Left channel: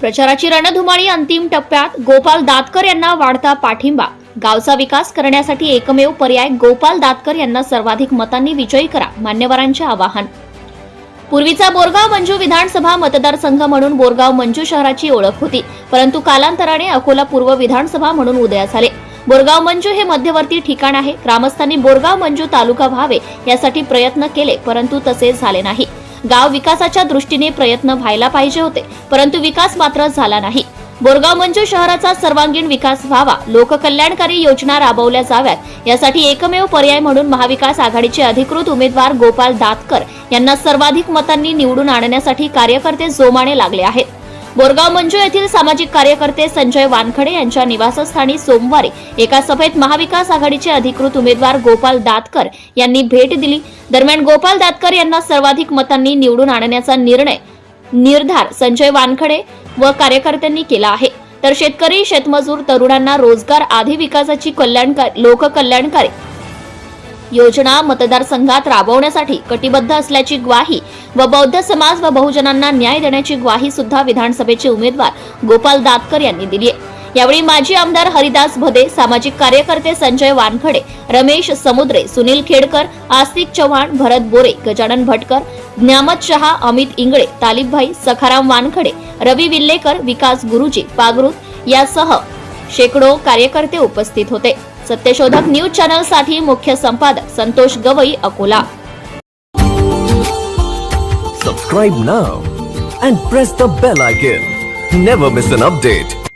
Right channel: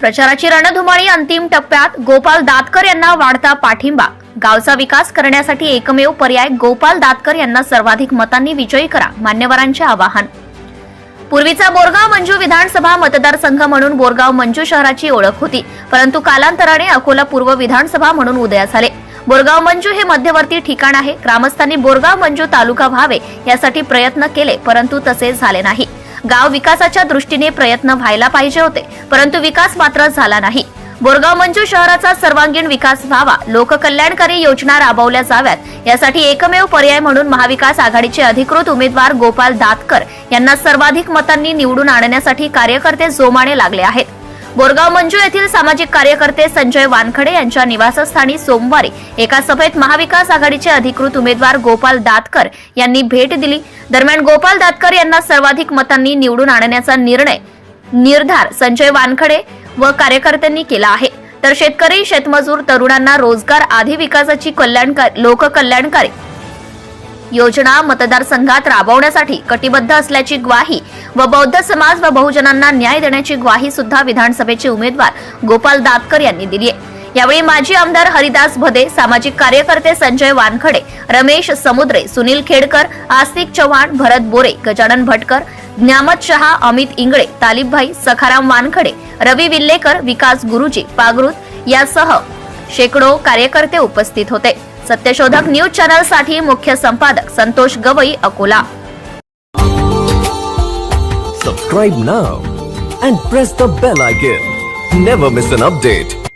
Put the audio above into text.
प्रचाराची रणधुमाळी अंतिम टप्प्यात. गोपाल दातकर यांना वाढता पाठिंबा. गावचा विकास करण्यासाठी एकमेव पर्याय गोपाल दातकर यांना सर्वाधिक मतांनी विजयी करा, मान्यवरांचे आवाहन. पूर्वीचा बोरगाव मंजू विधानसभा मतदारसंघ म्हणून बोरगाव मंजू शहराची ओळख होती, परंतु कालांतराने अकोला पूर्व विधानसभा म्हणून उदयास आले. बोरगाव मंजू हे मध्यवर्ती ठिकाण आहे. ग्रामस्थांनी बोरगाव मंजू तालुका व्हावे यासाठी प्रयत्न केले, परंतु तसे झाले नाही. गाव विकासाच्या दृष्टीने प्रयत्न व्हायला पाहिजे होते, परंतु विकास मात्र झाला नाही. बोरगाव मंजू शहराचा सर्वांगीण विकास व्हावा, लोककल्याणकारी योजना राबवल्या जाव्यात यासाठी एकमेव पर्याय म्हणून महाविकास आघाडीचे अधिकृत उमेदवार गोपाल दातकर यांना सर्वाधिक मतांनी निवडून आणण्यासाठी कार्यकर्ते जोमाने लागले आहेत. बोरगाव मंजू येथील सामाजिक कार्यकर्ते संजय वानखडे यांच्या निवासस्थानी सोमवारी एका सभेत महाविकास आघाडीचे अधिकृत उमेदवार गोपाल दातकर यांनी भेट दिली. दरम्यान गोपाल दातकर यांना सर्वाधिक मतांनी निवडून आणण्याचा निर्धार संजय वानखडे व कार्यकर्त्यांनी केला आहे. तर शेतकरी, शेतमजूर, तरुणांना रोजगार आदी विकासाची लोककल्याणकारी योजना मतदारसंघात राबवण्यासाठी कटिबद्ध असल्याची ग्वाही व बौद्ध समाज व बहुजनांना न्याय देण्याची ग्वाही सुद्धा विधानसभेचे उमेदवार गोपाल दातकर यांनी दिली आहे. यावेळी माजी आमदार हरिदास भदे, सामाजिक कार्यकर्ते संजय वानखडे, रमेश समुद्रे, सुनील खेडकर, आस्तिक चव्हाण, भरत बोरे, गजानन भटकर, ज्ञामत शहा, अमित इंगळे, तालिबभाई, सखाराम वानखडे, रवी विल्लेकर, विकास गुरुजी पागरुत यासह शेकडो कार्यकर्ते उपस्थित होते. सत्यशोधक न्यूज चॅनल साठी मुख्य संपादक Santosh Gavai, Akola. Subscribe now and press the bell icon. Never miss an update.